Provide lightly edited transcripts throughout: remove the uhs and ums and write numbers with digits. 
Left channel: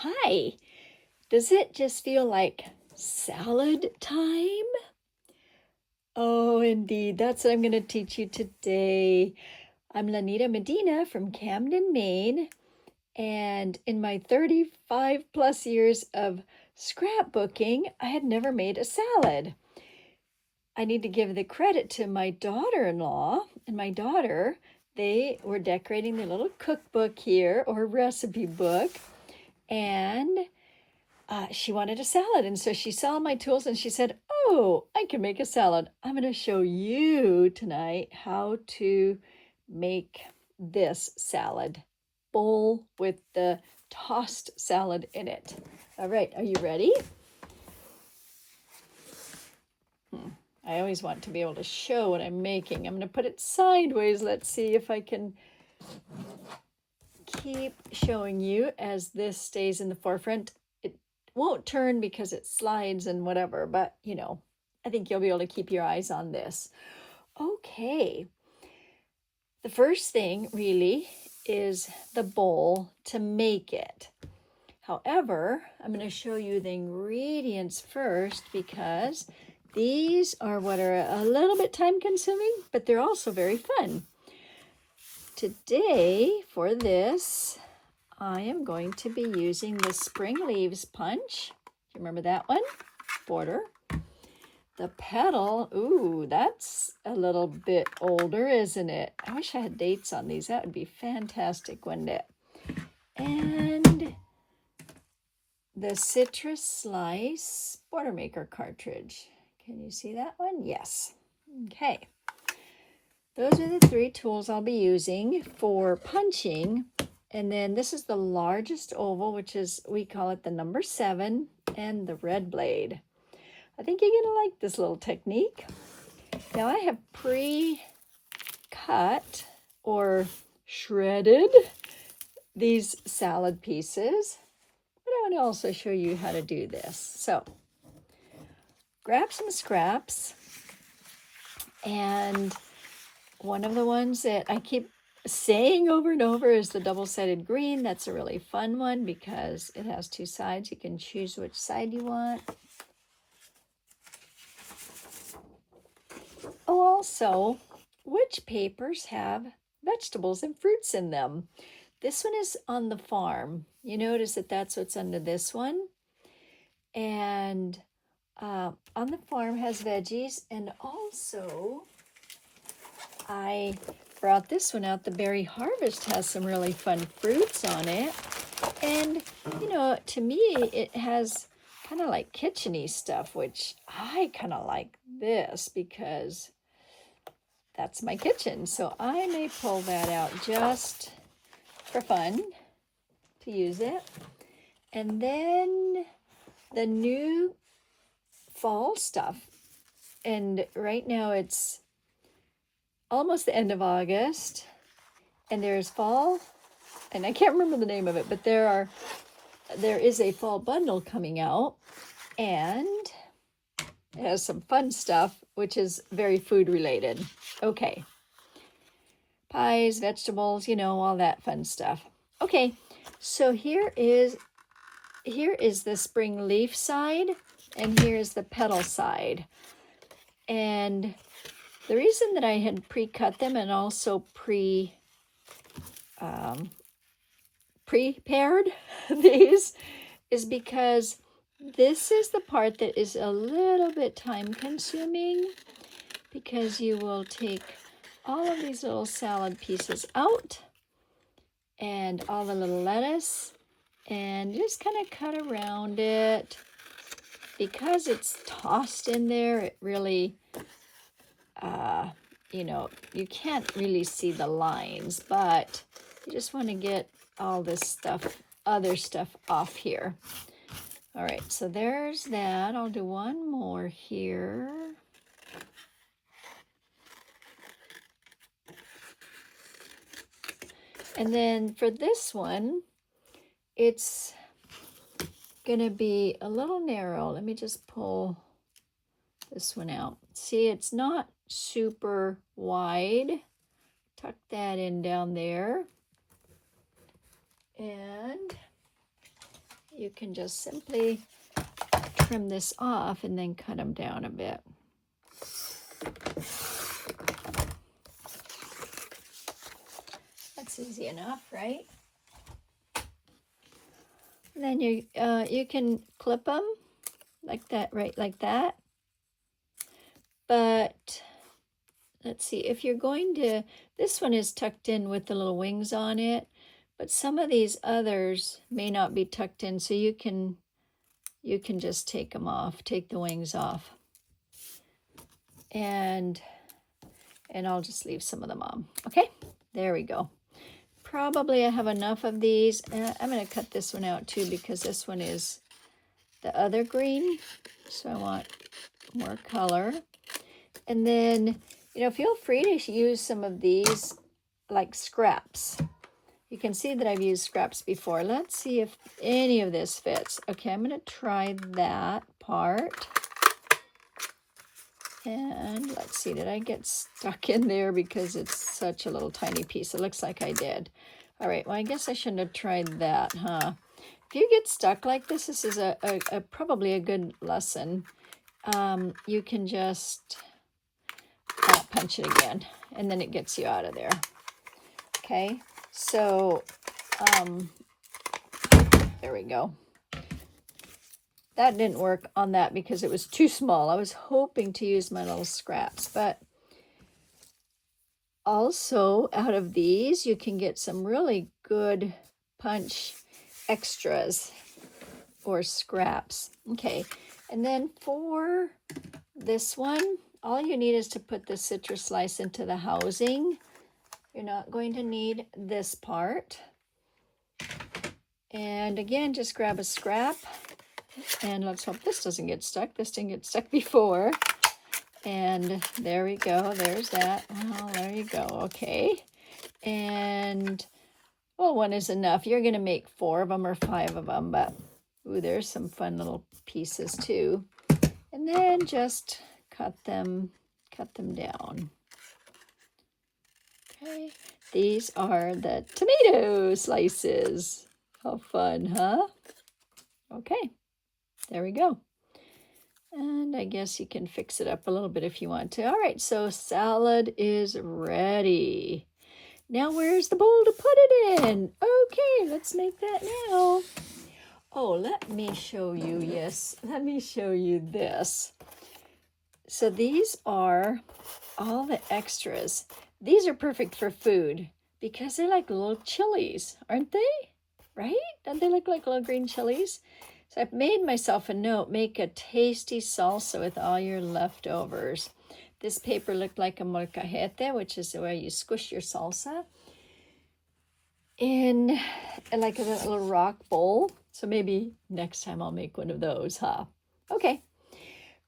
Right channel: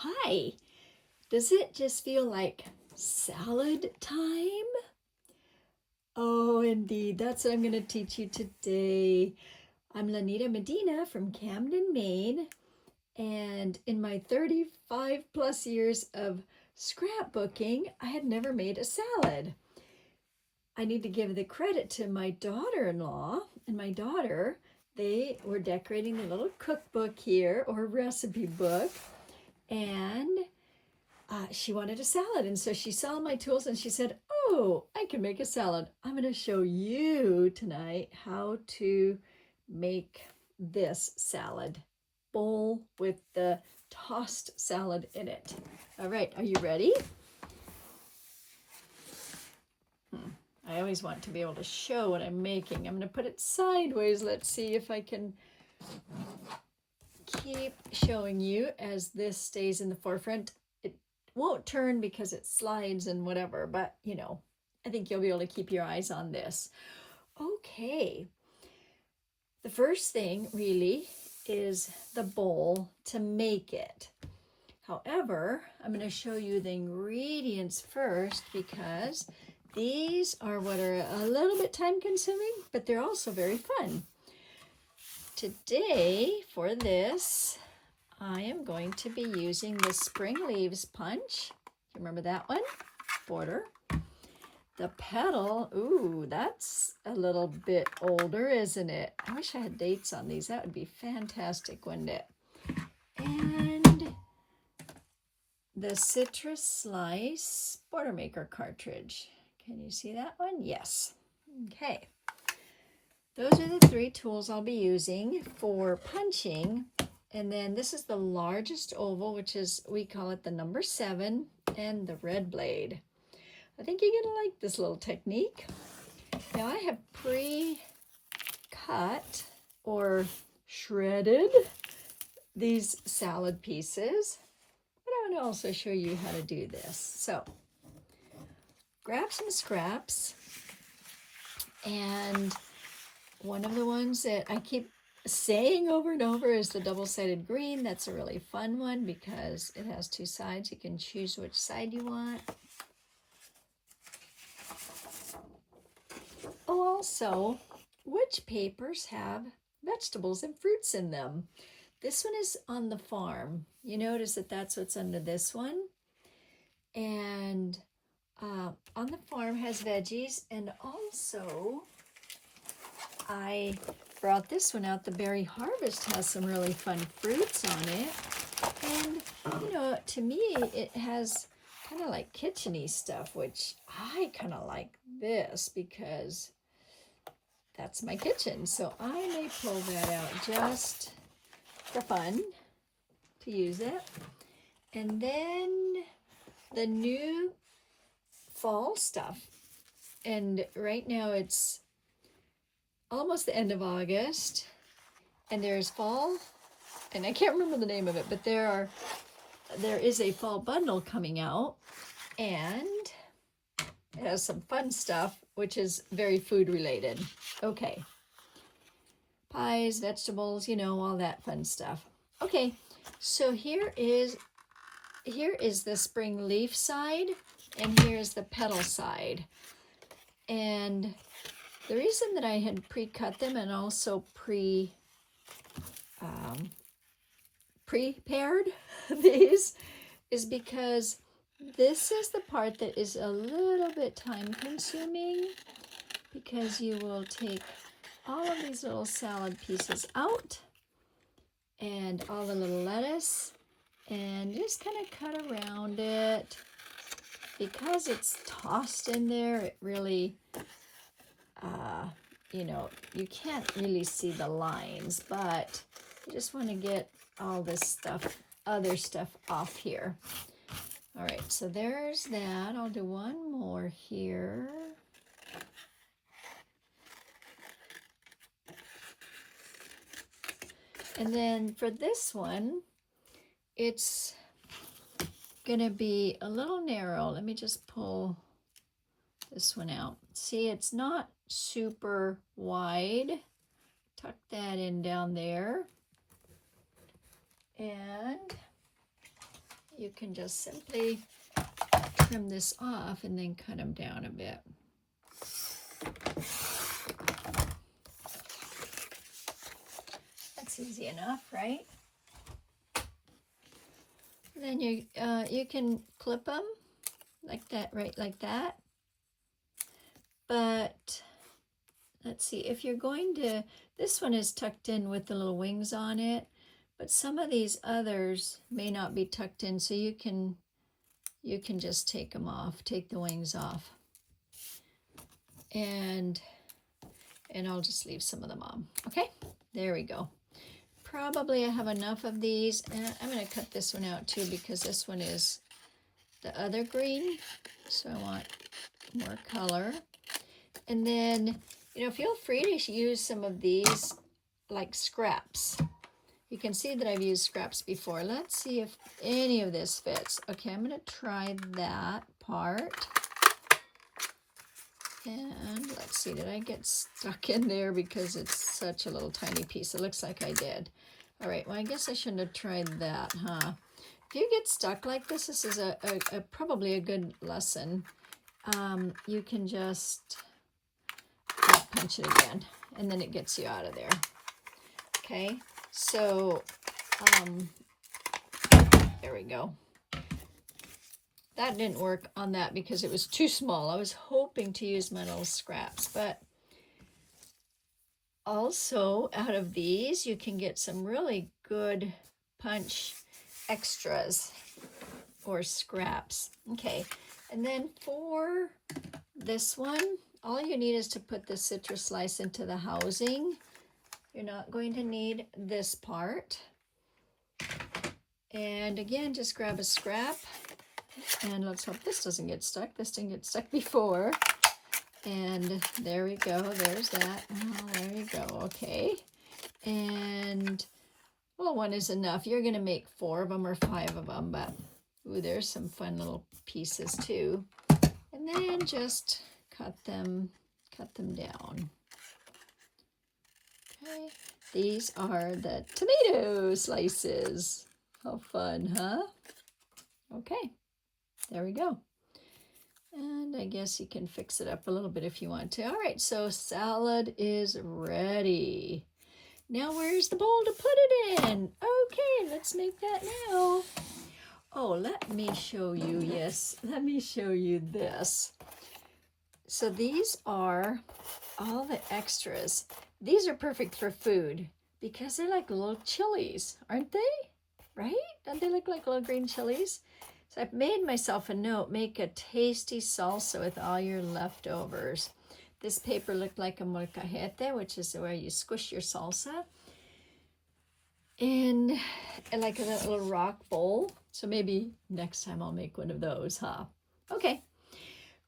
Hi, does it just feel like salad time? Oh, indeed, that's what I'm going to teach you today. I'm Lanita Medina from Camden, Maine, and in my 35 plus years of scrapbooking, I had never made a salad. I need to give the credit to my daughter-in-law and my daughter. They were decorating their little cookbook here, or recipe book, and she wanted a salad. And so she saw my tools and she said, oh, I can make a salad. I'm going to show you tonight how to make this salad bowl with the tossed salad in it. All right, are you ready? I always want to be able to show what I'm making. I'm going to put it sideways. Let's see if I can keep showing you as this stays in the forefront. It won't turn because it slides and whatever, but you know, I think you'll be able to keep your eyes on this. Okay, the first thing really is the bowl to make it. However, I'm going to show you the ingredients first because these are what are a little bit time consuming, but they're also very fun. Today, for this, I am going to be using the Spring Leaves Punch. You remember that one? Border. The Petal, ooh, that's a little bit older, isn't it? I wish I had dates on these. That would be fantastic, wouldn't it? And the Citrus Slice Border Maker cartridge. Can you see that one? Yes. Okay. Those are the three tools I'll be using for punching. And then this is the largest oval, which is, we call it the number 7, and the red blade. I think you're gonna like this little technique. Now I have pre-cut or shredded these salad pieces, but I want to also show you how to do this. So grab some scraps, and one of the ones that I keep saying over and over is the double-sided green. That's a really fun one because it has 2 sides. You can choose which side you want. Oh, also, which papers have vegetables and fruits in them? This one is on the farm. You notice that that's what's under this one. And on the farm has veggies, and also I brought this one out. The Berry Harvest has some really fun fruits on it. And, you know, to me, it has kind of like kitchen-y stuff, which I kind of like this because that's my kitchen. So I may pull that out just for fun to use it. And then the new fall stuff. And right now it's almost the end of August, and there's fall, and I can't remember the name of it, but there is a fall bundle coming out, and it has some fun stuff, which is very food related. Okay, pies, vegetables, you know, all that fun stuff. Okay, so here is the spring leaf side, and here's the petal side. And the reason that I had pre-cut them and also prepared these is because this is the part that is a little bit time consuming, because you will take all of these little salad pieces out and all the little lettuce and just kind of cut around it. Because it's tossed in there, it really you know, you can't really see the lines, but you just want to get all this stuff, other stuff off here. All right, so there's that. I'll do one more here. And then for this one, it's gonna be a little narrow. Let me just pull this one out. See, it's not super wide. Tuck that in down there. And you can just simply trim this off and then cut them down a bit. That's easy enough, right? And then you can clip them like that, right, like that. But let's see, if you're going to, this one is tucked in with the little wings on it, but some of these others may not be tucked in, so you can just take them off, take the wings off. And I'll just leave some of them on. Okay, there we go. Probably I have enough of these. I'm going to cut this one out too because this one is the other green, so I want more color. And then, you know, feel free to use some of these like scraps. You can see that I've used scraps before. Let's see if any of this fits. Okay, I'm going to try that part. And let's see, did I get stuck in there because it's such a little tiny piece? It looks like I did. All right, well, I guess I shouldn't have tried that, huh? If you get stuck like this, this is probably a good lesson. You can just punch it again, and then it gets you out of there. Okay, so there we go. That didn't work on that because it was too small. I was hoping to use my little scraps, but also out of these, you can get some really good punch extras or scraps. Okay, and then for this one, all you need is to put the citrus slice into the housing. You're not going to need this part. And again, just grab a scrap. And let's hope this doesn't get stuck. This didn't get stuck before. And there we go. There's that. Oh, there you go. Okay. And, well, one is enough. You're going to make 4 of them or 5 of them. But, ooh, there's some fun little pieces too. And then just cut them down. Okay. These are the tomato slices. How fun, huh? Okay. There we go. And I guess you can fix it up a little bit if you want to. All right, so salad is ready. Now where's the bowl to put it in? Okay, let's make that now. Oh, let me show you. Yes, let me show you this. So these are all the extras. These are perfect for food because they're like little chilies, aren't they? Right? Don't they look like little green chilies? So I've made myself a note, make a tasty salsa with all your leftovers. This paper looked like a molcajete, which is where you squish your salsa in like a little rock bowl. So maybe next time I'll make one of those, huh? Okay,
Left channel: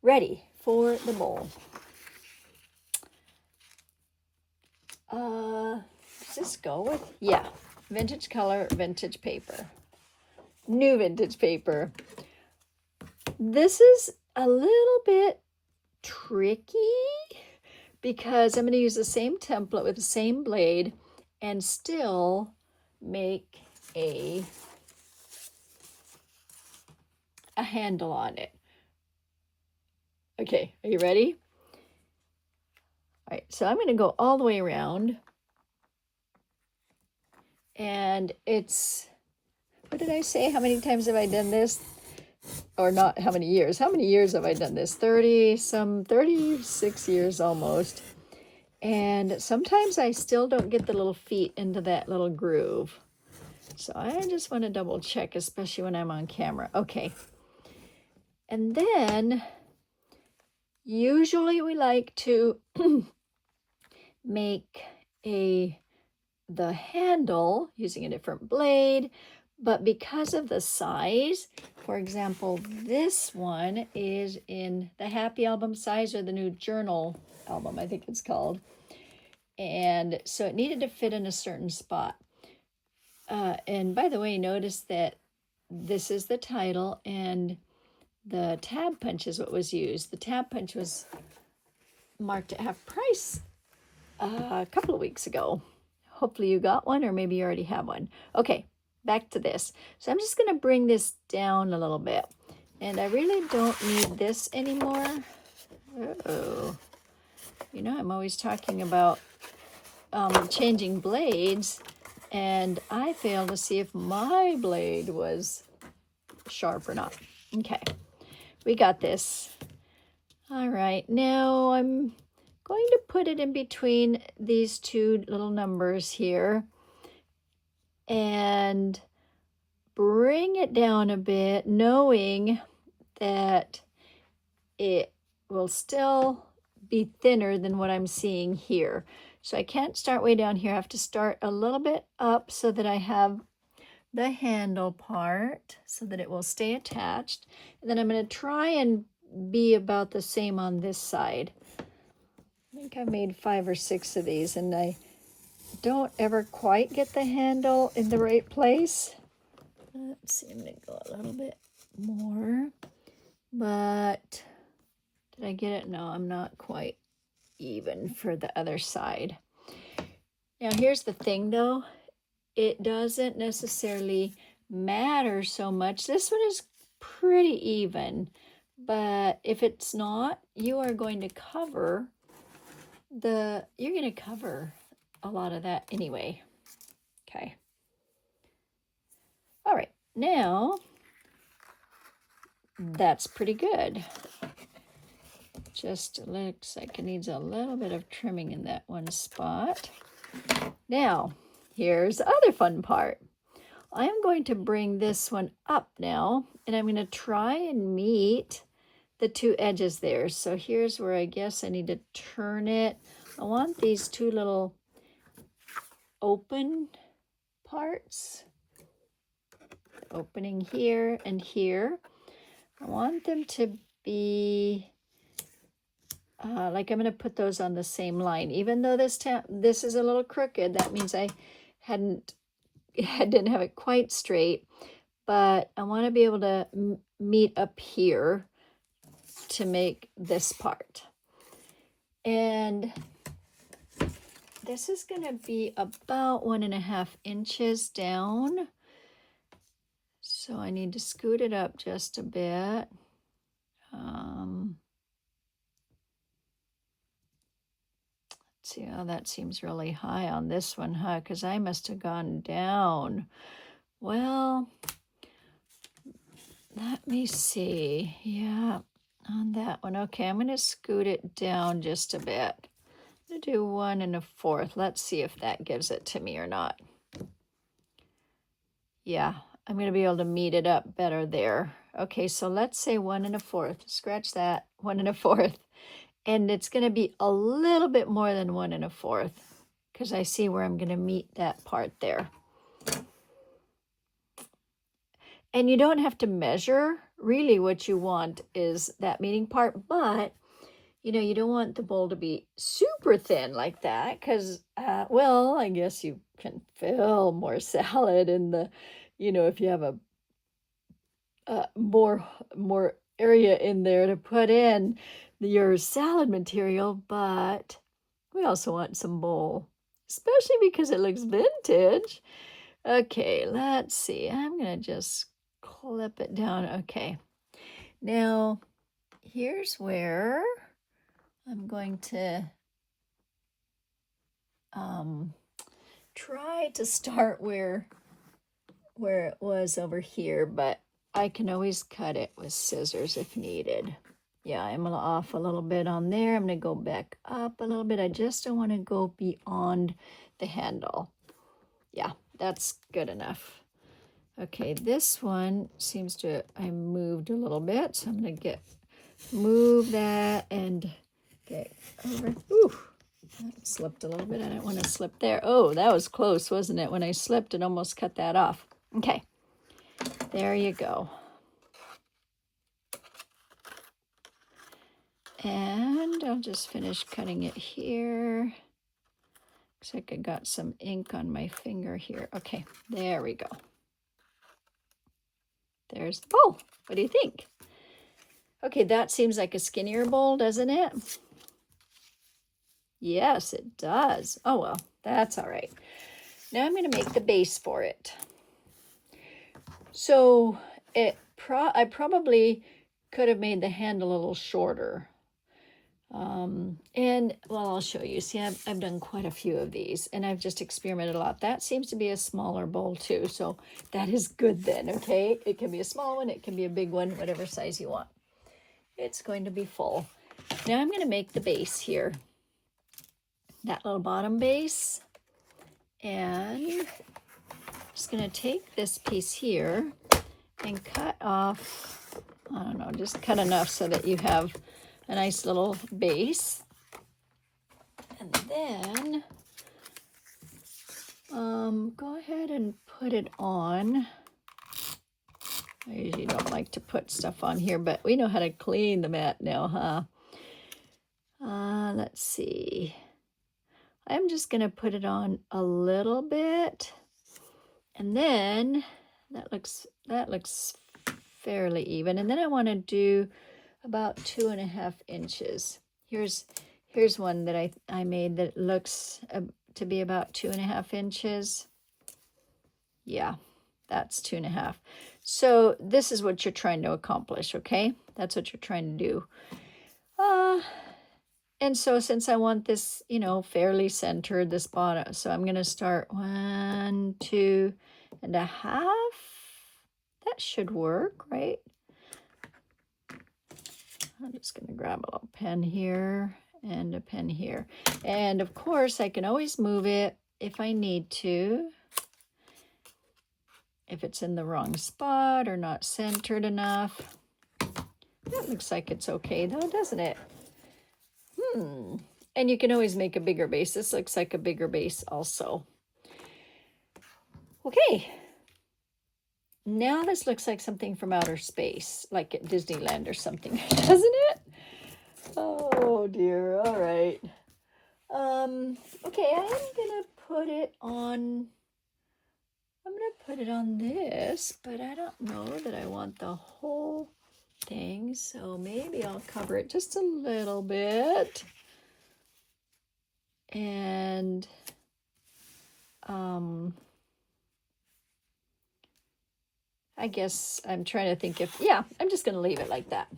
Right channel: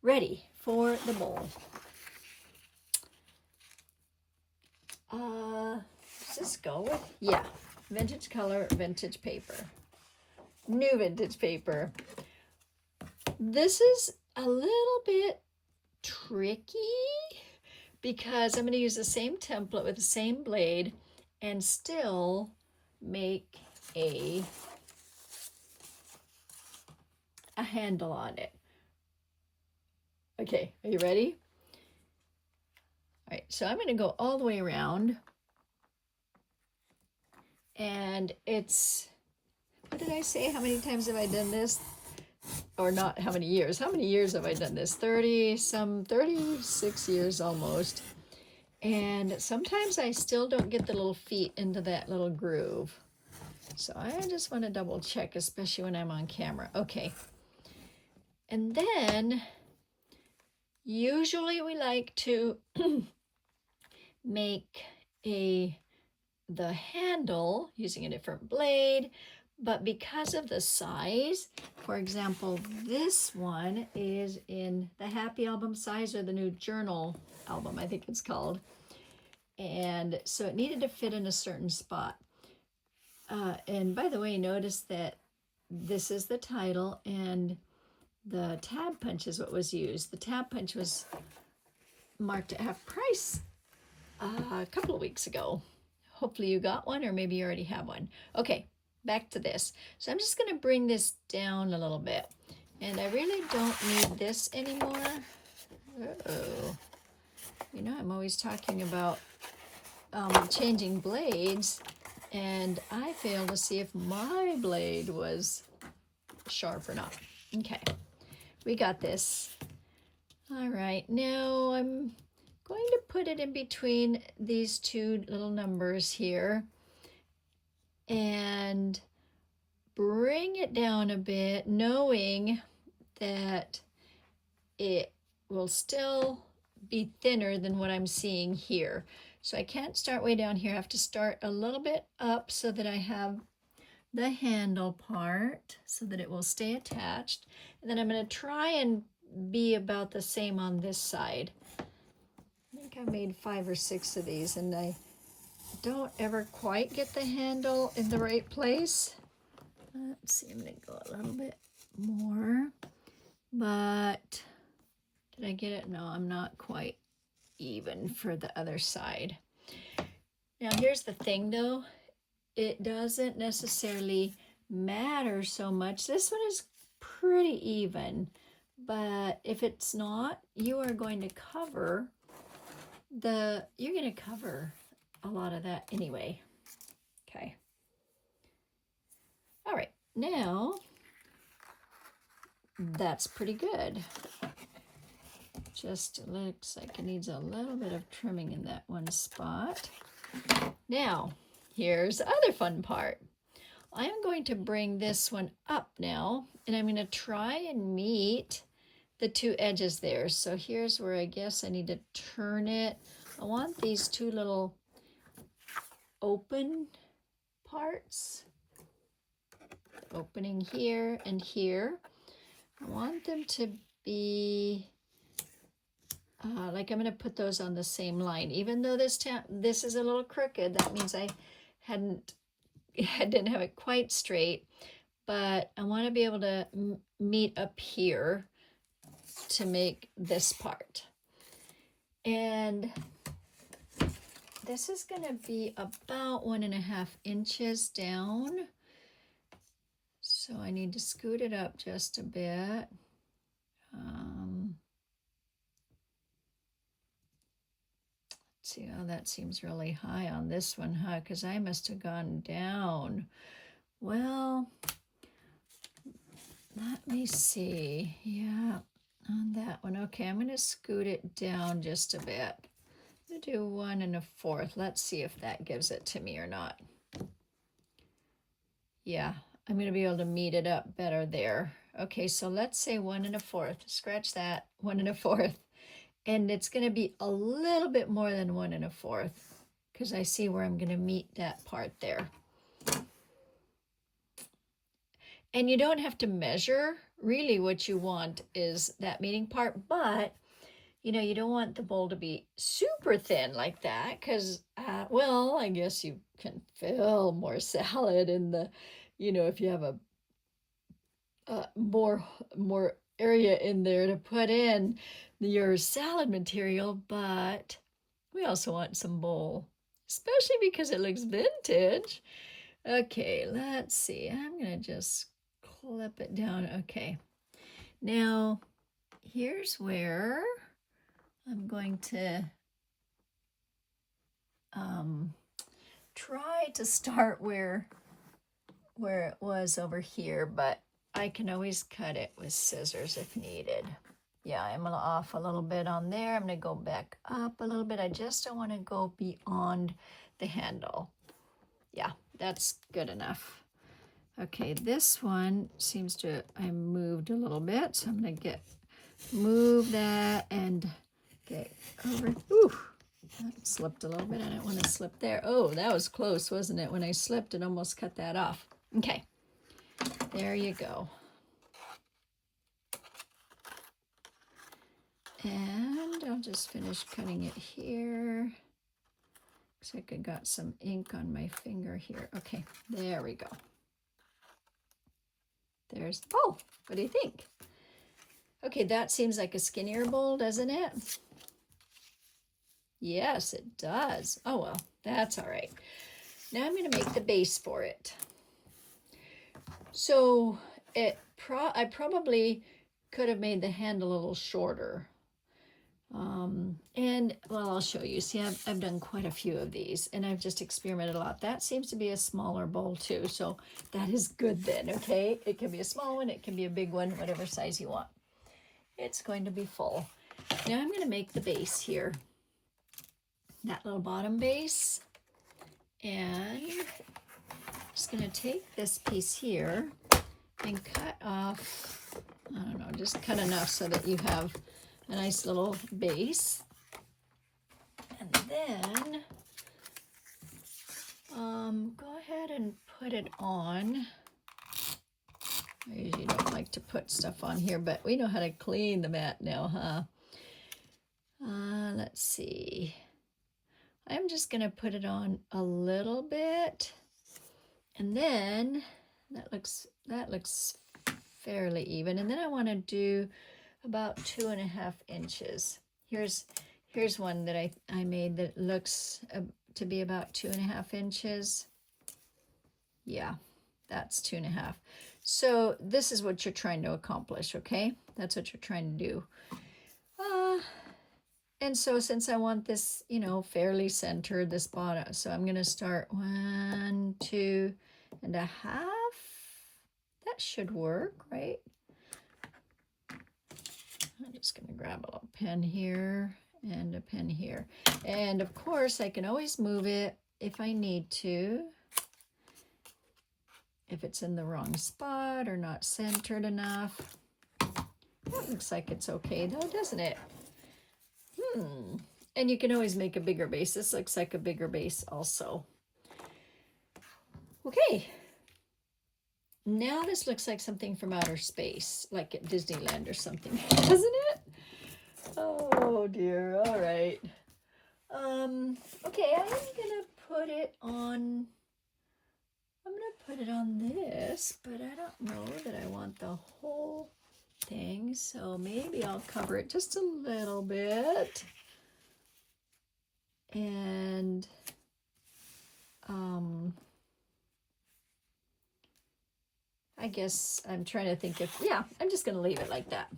ready for the bowl. Does this go with? Yeah, vintage color, vintage paper. New vintage paper. This is a little bit tricky because I'm going to use the same template with the same blade and still make a handle on it. Okay, are you ready? All right, so I'm going to go all the way around. And it's, what did I say? How many times have I done this? Or not how many years? How many years have I done this? 36 years almost. And sometimes I still don't get the little feet into that little groove. So I just want to double check, especially when I'm on camera. Okay. And then usually we like to make the handle using a different blade, but because of the size, for example, this one is in the Happy Album size or the new Journal album, I think it's called. And so it needed to fit in a certain spot. And by the way, notice that this is the title and the tab punch is what was used. The tab punch was marked at half price a couple of weeks ago. Hopefully you got one, or maybe you already have one. Okay, back to this. So I'm just going to bring this down a little bit. And I really don't need this anymore. Uh-oh. You know, I'm always talking about changing blades, and I failed to see if my blade was sharp or not. Okay, we got this. All right, now I'm going to put it in between these two little numbers here and bring it down a bit, knowing that it will still be thinner than what I'm seeing here. So I can't start way down here. I have to start a little bit up so that I have the handle part so that it will stay attached. And then I'm going to try and be about the same on this side. I think I made 5 or 6 of these, and I don't ever quite get the handle in the right place. Let's see, I'm going to go a little bit more. But did I get it? No, I'm not quite even for the other side. Now here's the thing though, it doesn't necessarily matter so much. This one is pretty even, but if it's not, you are going to cover a lot of that anyway. Okay. All right, now that's pretty good. Just looks like it needs a little bit of trimming in that one spot. Now, here's the other fun part. I am going to bring this one up now, and I'm going to try and meet the two edges there. So here's where I guess I need to turn it. I want these two little open parts, opening here and here. I want them to be like I'm going to put those on the same line. Even though this is a little crooked, that means I didn't have it quite straight. But I want to be able to meet up here to make this part. And this is going to be about 1.5 inches down. So I need to scoot it up just a bit. See how that seems really high on this one, huh? Because I must have gone down. Well, let me see. Yeah, on that one. Okay, I'm going to scoot it down just a bit. I'm going to do 1 1/4. Let's see if that gives it to me or not. Yeah, I'm going to be able to meet it up better there. Okay, so let's say 1 1/4. Scratch that, 1 1/4. And it's going to be a little bit more than 1 1/4 because I see where I'm going to meet that part there. And you don't have to measure. Really what you want is that meeting part, but you know, you don't want the bowl to be super thin like that because, well, I guess you can fill more salad in the, you know, if you have a more area in there to put in your salad material, but we also want some bowl, especially because it looks vintage. Okay, let's see. I'm going to just clip it down. Okay. Now, here's where I'm going to try to start where it was over here, but I can always cut it with scissors if needed. Yeah, I'm off a little bit on there. I'm going to go back up a little bit. I just don't want to go beyond the handle. Yeah, that's good enough. Okay, this one seems to, I moved a little bit, so I'm going to move that and get over. Ooh, that slipped a little bit. I didn't want to slip there. Oh, that was close, wasn't it? When I slipped, it almost cut that off. Okay, there you go. And I'll just finish cutting it here. Looks like I got some ink on my finger here. Okay, there we go. There's the bowl. What do you think? Okay, that seems like a skinnier bowl, doesn't it? Yes, it does. Oh, well, that's all right. Now I'm going to make the base for it. So I probably could have made the hand a little shorter. And well, I'll show you. See, I've done quite a few of these, and I've just experimented a lot. That seems to be a smaller bowl too, so that is good then, okay? It can be a small one, it can be a big one, whatever size you want. It's going to be full. Now I'm going to make the base here. That little bottom base. And I'm just going to take this piece here and cut off, I don't know, just cut enough so that you have a nice little base. And then go ahead and put it on. I usually don't like to put stuff on here, but we know how to clean the mat now, huh? Let's see. I'm just going to put it on a little bit. And then that looks fairly even. And then I want to do about 2.5 inches. Here's one that I made that looks to be about 2.5 inches. Yeah, that's 2.5. So this is what you're trying to accomplish, okay? That's what you're trying to do. And so since I want this, you know, fairly centered, this bottom, so I'm going to start 1, 2.5. That should work, right? I'm just going to grab a little pen here and a pen here. And of course, I can always move it if I need to. If it's in the wrong spot or not centered enough. That looks like it's okay though, doesn't it? And you can always make a bigger base. This looks like a bigger base also. Okay. Now this looks like something from outer space, like at Disneyland or something, doesn't it? Oh dear. All right. Okay, I'm gonna put it on. I'm gonna put it on this, but I don't know that I want the whole thing, so maybe I'll cover it just a little bit. And I guess I'm trying to think if, yeah, I'm just gonna leave it like that.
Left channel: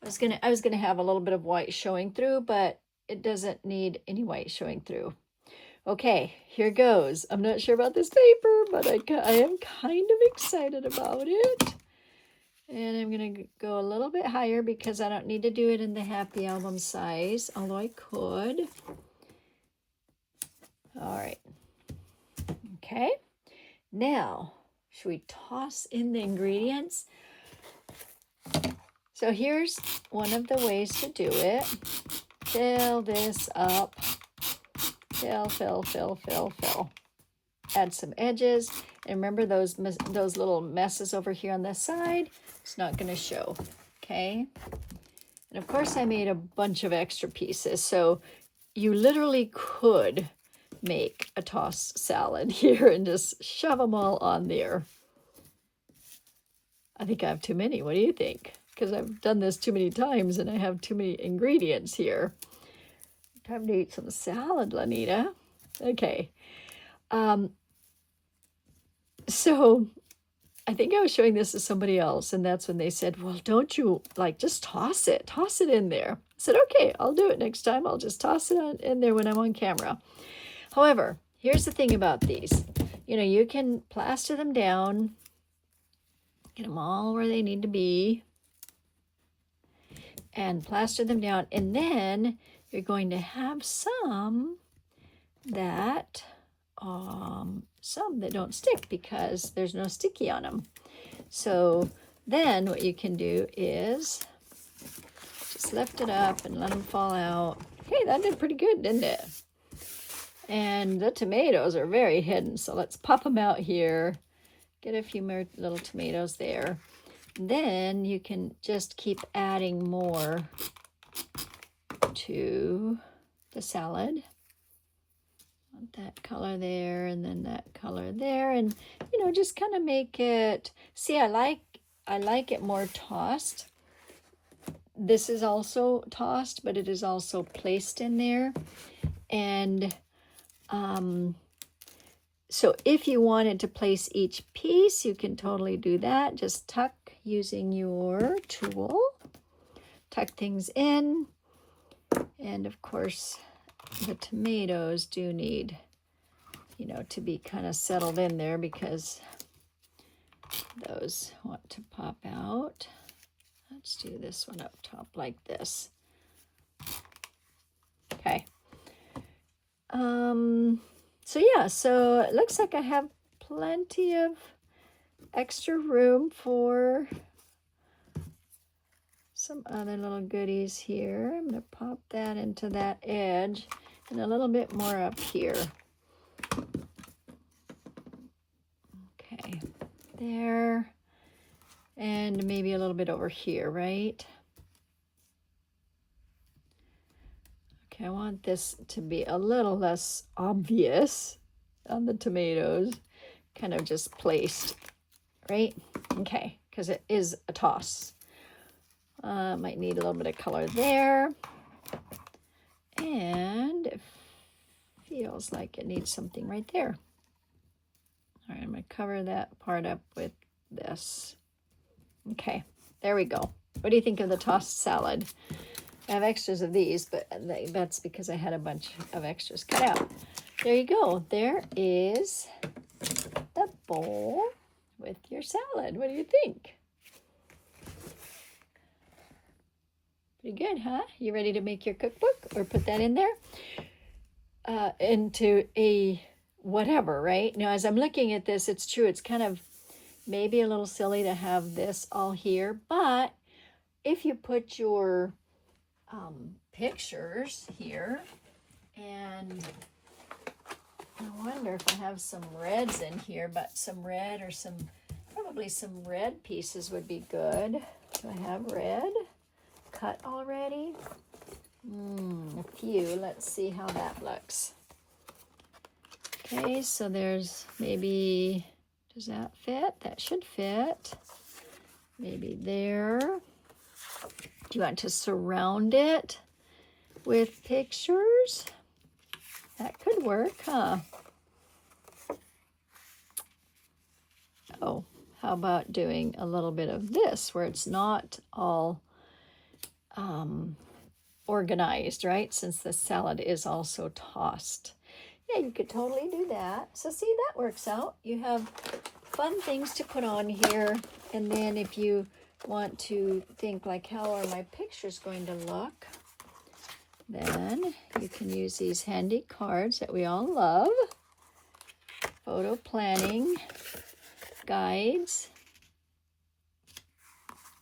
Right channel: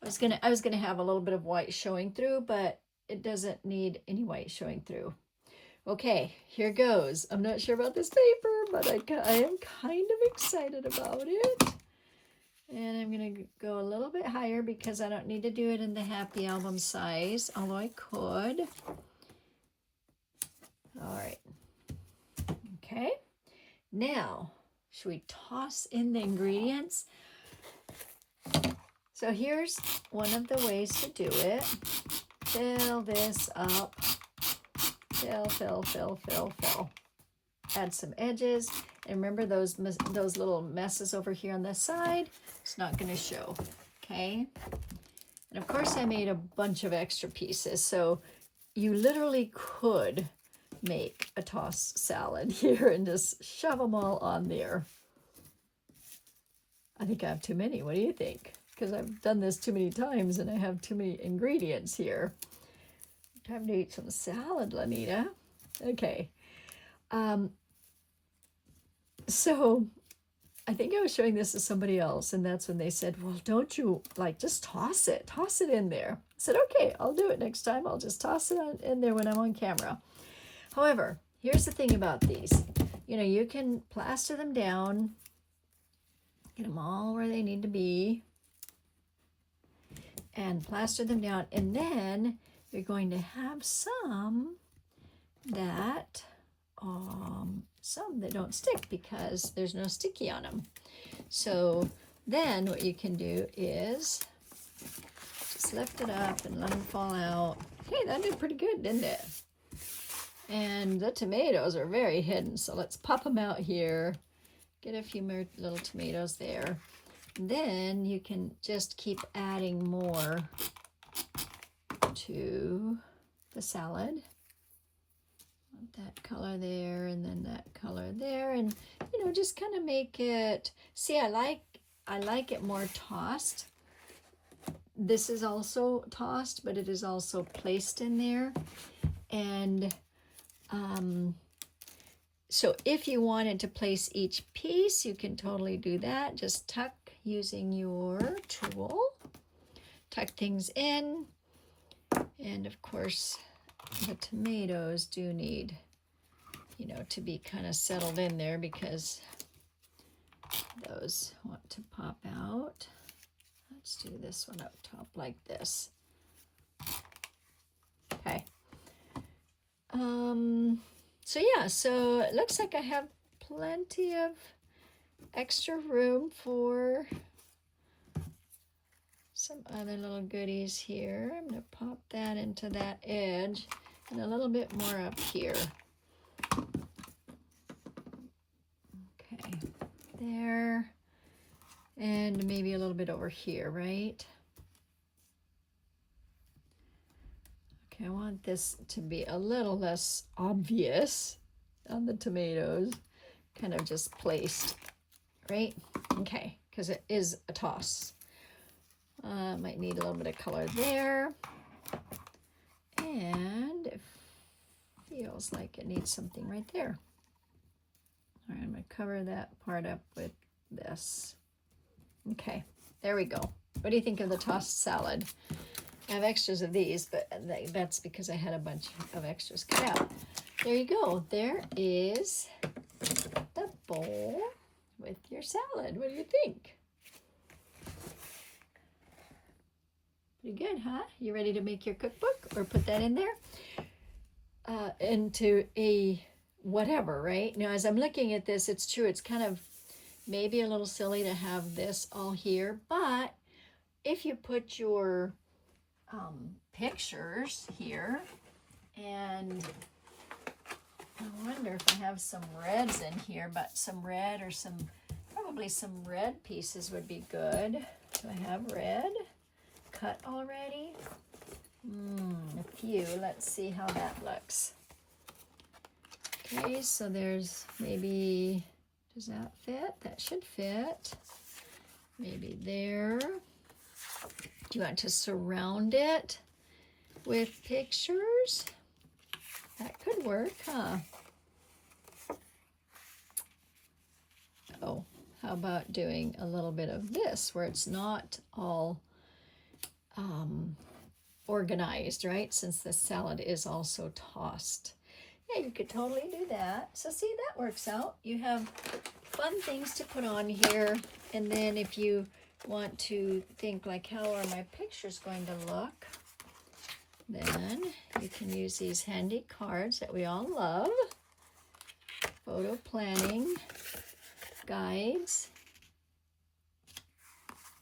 I was gonna have a little bit of white showing through, but it doesn't need any white showing through. Okay, here goes. I'm not sure about this paper, but I am kind of excited about it. And I'm going to go a little bit higher because I don't need to do it in the Happy Album size, although I could. All right. Okay. Now, should we toss in the ingredients? So here's one of the ways to do it. Fill this up. Fill. Add some edges. And remember those little messes over here on this side? It's not going to show, okay? And of course I made a bunch of extra pieces, so you literally could make a tossed salad here and just shove them all on there. I think I have too many. What do you think? Because I've done this too many times and I have too many ingredients here. Time to eat some salad, Lanita. Okay. So I think I was showing this to somebody else, and that's when they said, well, don't you, like, just toss it in there. I said, okay, I'll do it next time. I'll just toss it in there when I'm on camera. However, here's the thing about these. You know, you can plaster them down, get them all where they need to be, and plaster them down, and then you're going to have some that don't stick because there's no sticky on them. So then what you can do is just lift it up and let them fall out. Hey, that did pretty good, didn't it? And the tomatoes are very hidden, so let's pop them out here. Get a few more little tomatoes there. And then you can just keep adding more to the salad. That color there, and then that color there, and you know, just kind of make it. See, I like it more tossed. This is also tossed, but it is also placed in there, and So if you wanted to place each piece, you can totally do that. Just tuck using your tool. Tuck things in. And of course, the tomatoes do need, you know, to be kind of settled in there because those want to pop out. Let's do this one up top like this. Okay. So yeah, so it looks like I have plenty of extra room for some other little goodies here. I'm going to pop that into that edge and a little bit more up here. Okay, there. And maybe a little bit over here, right? Okay, I want this to be a little less obvious on the tomatoes, kind of just placed, right? Okay, because it is a toss. Might need a little bit of color there. And it feels like it needs something right there. All right, I'm going to cover that part up with this. Okay, there we go. What do you think of the tossed salad? I have extras of these, but that's because I had a bunch of extras cut out. There you go. There is the bowl with your salad. What do you think? Pretty good, huh? You ready to make your cookbook or put that in there? Into a whatever, right? Now, as I'm looking at this, it's true. It's kind of maybe a little silly to have this all here, but if you put your pictures here, and I wonder if I have some reds in here, but some red or probably some red pieces would be good. Do I have red cut already? A few. Let's see how that looks. Okay, so there's maybe, does that fit? That should fit. Maybe there. Do you want to surround it with pictures? That could work, huh? Oh, how about doing a little bit of this where it's not all organized, right? Since the salad is also tossed. Yeah, you could totally do that. So see, that works out. You have fun things to put on here. And then if you want to think like, how are my pictures going to look? Then you can use these handy cards that we all love. Photo planning guides,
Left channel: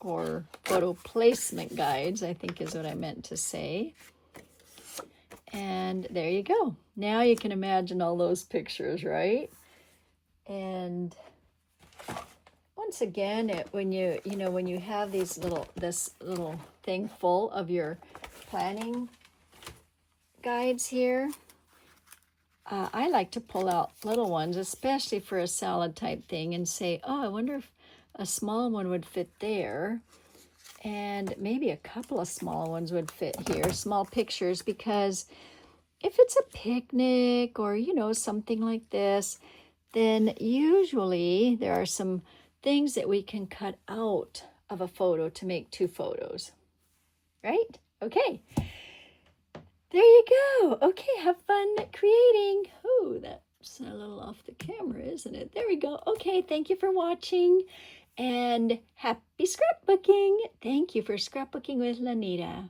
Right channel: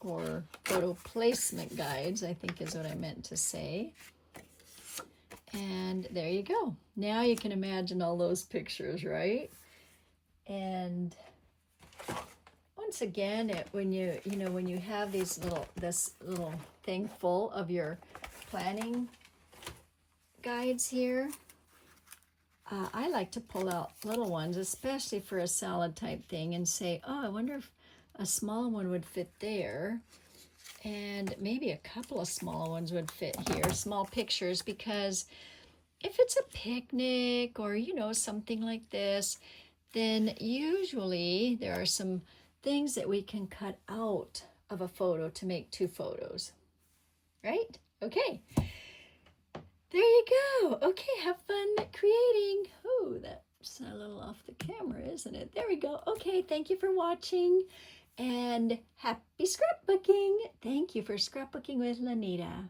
or photo placement guides, I think is what I meant to say. And there you go. Now you can imagine all those pictures, right? And once again, when you have this little thing full of your planning guides here, I like to pull out little ones, especially for a salad type thing, and say, oh, I wonder if a small one would fit there, and maybe a couple of small ones would fit here, small pictures, because if it's a picnic or, something like this, then usually there are some things that we can cut out of a photo to make two photos, right? Okay. There you go. Okay, have fun creating. Oh, that's a little off the camera, isn't it? There we go. Okay, thank you for watching, and happy scrapbooking. Thank you for scrapbooking with Lanita.